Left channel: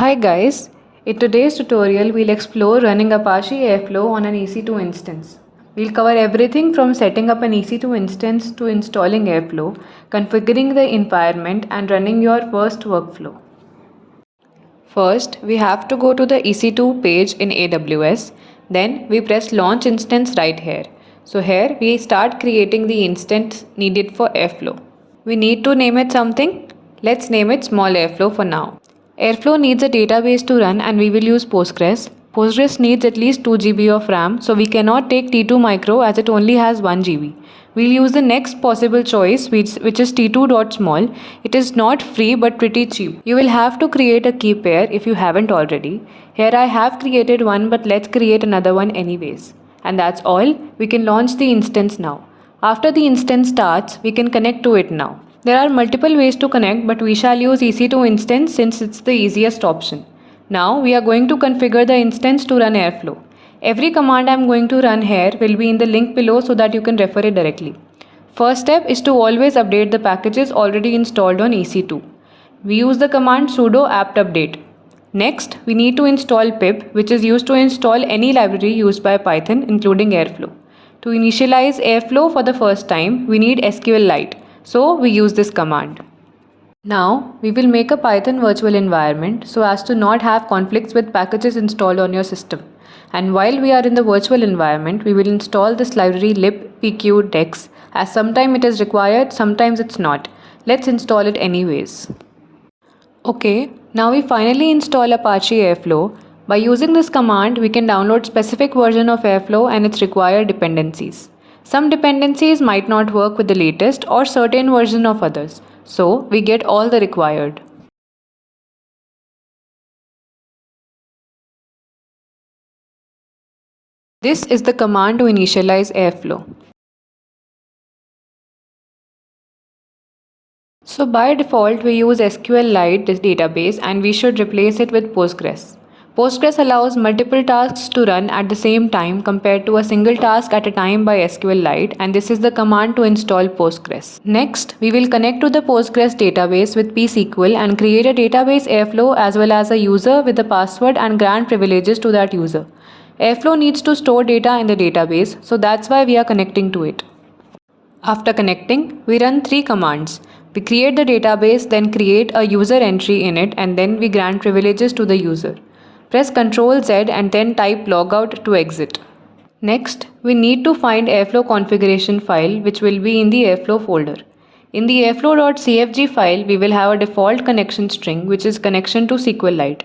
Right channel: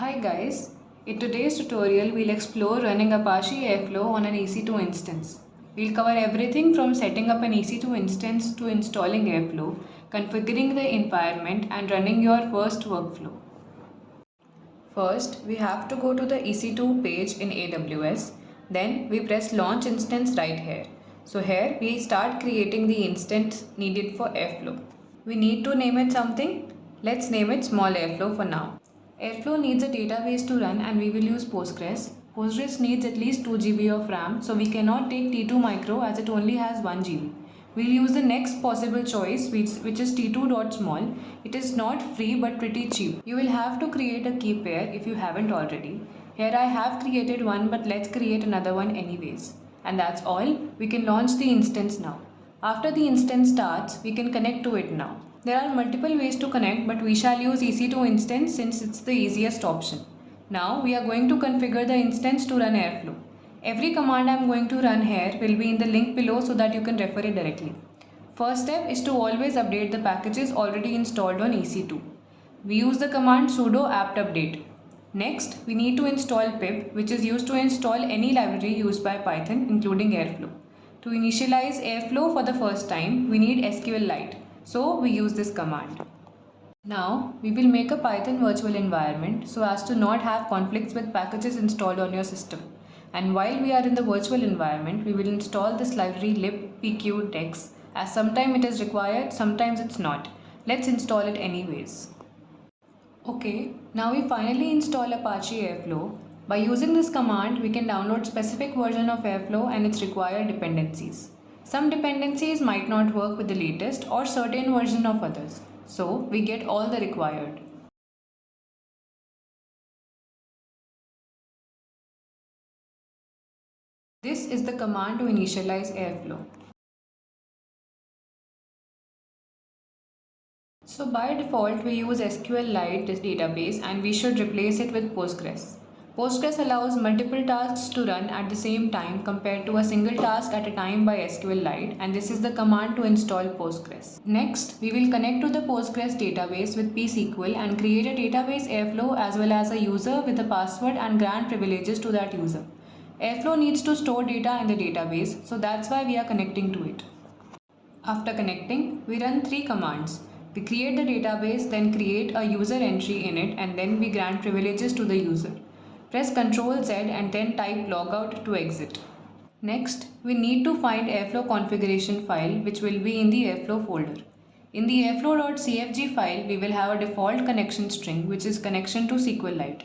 Hi guys, in today's tutorial we'll explore running Apache Airflow on an EC2 instance. We'll cover everything from setting up an EC2 instance to installing Airflow, configuring the environment and running your first workflow. First, we have to go to the EC2 page in AWS, then we press launch instance right here. So here we start creating the instance needed for Airflow. We need to name it something. Let's name it small Airflow for now. Airflow needs a database to run and we will use Postgres. Postgres needs at least 2 GB of RAM, so we cannot take T2 micro as it only has 1 GB. We'll use the next possible choice which is T2.small. It is not free but pretty cheap. You will have to create a key pair if you haven't already. Here I have created one, but let's create another one anyways. And that's all. We can launch the instance now. After the instance starts, we can connect to it now. There are multiple ways to connect, but we shall use EC2 instance since it's the easiest option. Now we are going to configure the instance to run Airflow. Every command I am going to run here will be in the link below so that you can refer it directly. First step is to always update the packages already installed on EC2. We use the command sudo apt update. Next, we need to install pip, which is used to install any library used by Python including Airflow. To initialize Airflow for the first time, we need SQLite. So we use this command. Now we will make a Python virtual environment so as to not have conflicts with packages installed on your system. And while we are in the virtual environment, we will install this library libpqdex, as sometimes it is required, sometimes it's not. Let's install it anyways. Okay, now we finally install Apache Airflow. By using this command, we can download specific version of Airflow and its required dependencies. Some dependencies might not work with the latest or certain version of others, so we get all the required. This is the command to initialize Airflow. So by default we use SQLite database and we should replace it with Postgres. Postgres allows multiple tasks to run at the same time compared to a single task at a time by SQLite, and this is the command to install Postgres. Next, we will connect to the Postgres database with pSQL and create a database Airflow as well as a user with a password and grant privileges to that user. Airflow needs to store data in the database, so that's why we are connecting to it. After connecting, we run 3 commands. We create the database, then create a user entry in it, and then we grant privileges to the user. Press Ctrl Z and then type logout to exit. Next, we need to find Airflow configuration file which will be in the Airflow folder. In the airflow.cfg file, we will have a default connection string which is connection to SQLite.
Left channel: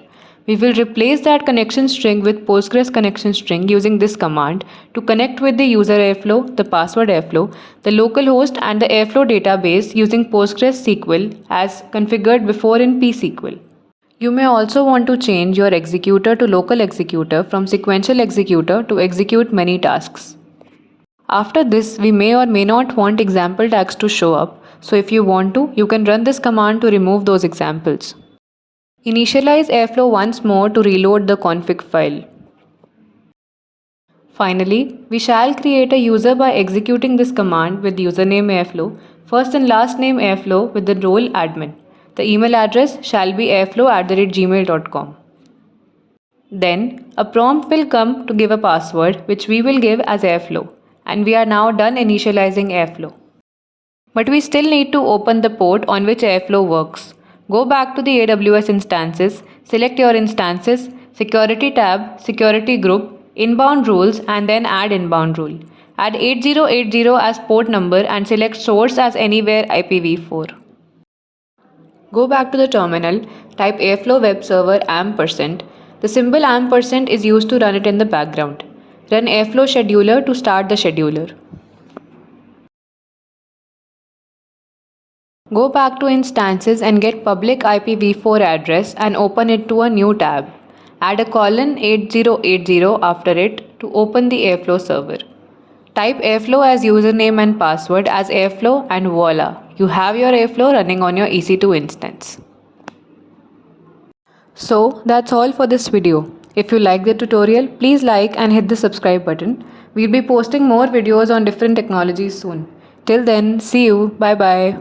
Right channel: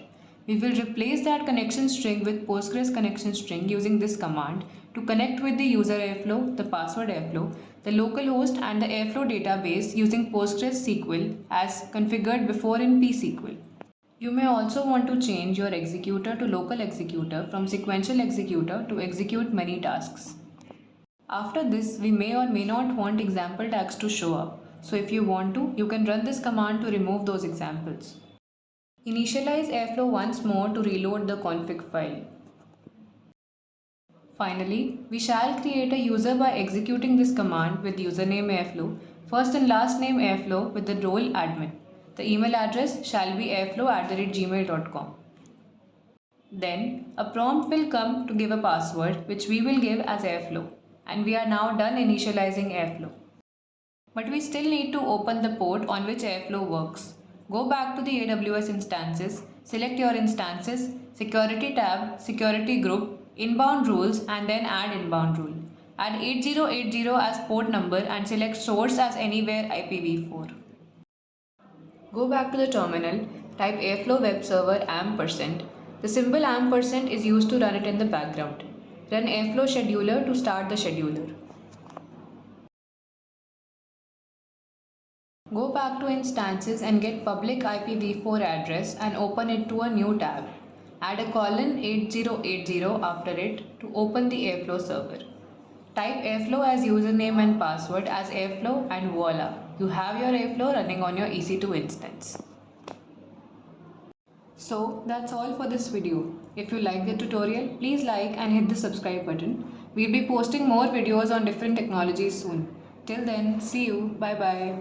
We will replace that connection string with Postgres connection string using this command to connect with the user Airflow, the password Airflow, the localhost and the Airflow database using Postgres SQL as configured before in pSQL. You may also want to change your executor to local executor from sequential executor to execute many tasks. After this, we may or may not want example tags to show up, so if you want to, you can run this command to remove those examples. Initialize Airflow once more to reload the config file. Finally, we shall create a user by executing this command with username Airflow, first and last name Airflow with the role admin. The email address shall be airflow@gmail.com. Then, a prompt will come to give a password which we will give as Airflow, and we are now done initializing Airflow. But we still need to open the port on which Airflow works. Go back to the AWS instances, select your instances, Security tab, Security group, Inbound rules and then add inbound rule. Add 8080 as port number and select source as anywhere IPv4. Go back to the terminal, type Airflow web server %. The symbol % is used to run it in the background. Run Airflow scheduler to start the scheduler. Go back to instances and get public IPv4 address and open it to a new tab. Add a colon 8080 after it to open the Airflow server. Type Airflow as username and password as Airflow and voila, you have your Airflow running on your EC2 instance. So that's all for this video. If you like the tutorial, please like and hit the subscribe button. We'll be posting more videos on different technologies soon. Till then, see you. Bye bye.